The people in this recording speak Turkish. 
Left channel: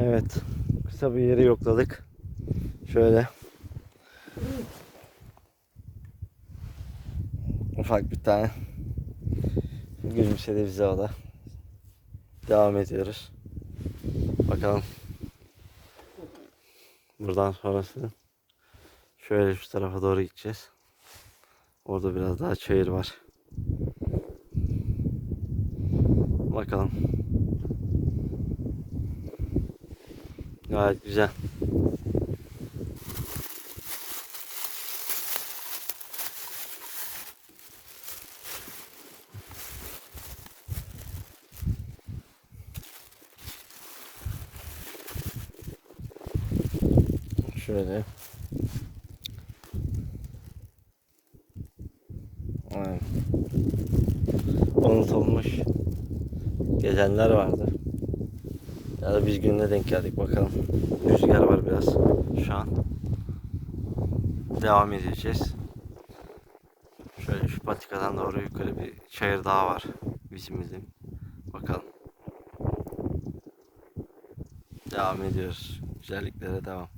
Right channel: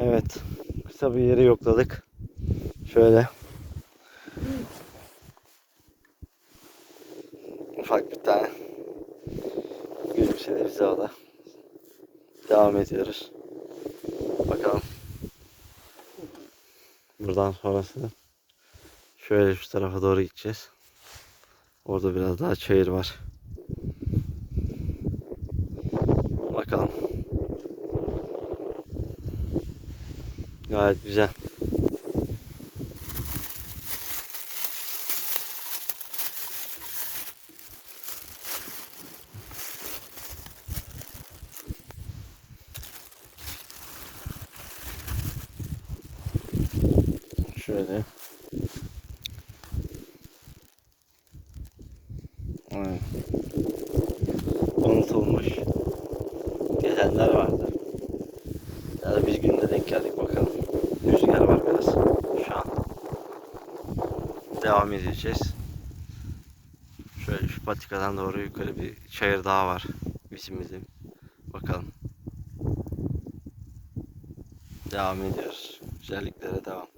Evet. Kısa bir yeri yokladık. Şöyle. Ufak bir tane. Gülümsedi bize o da. Devam ediyoruz. Bakalım. Buradan sonrası şöyle şu tarafa doğru gideceğiz. Orada biraz daha çayır var. Bakalım. Gayet güzel. Şöyle. Aynen. Unutulmuş gezenler vardı. Ya da biz gününe denk geldik bakalım. Rüzgar var biraz şu an. Devam edeceğiz. Şöyle şu patikadan doğru yukarı bir çayır daha var. Bizim bizim. Bakalım. Devam ediyoruz. Güzelliklere devam.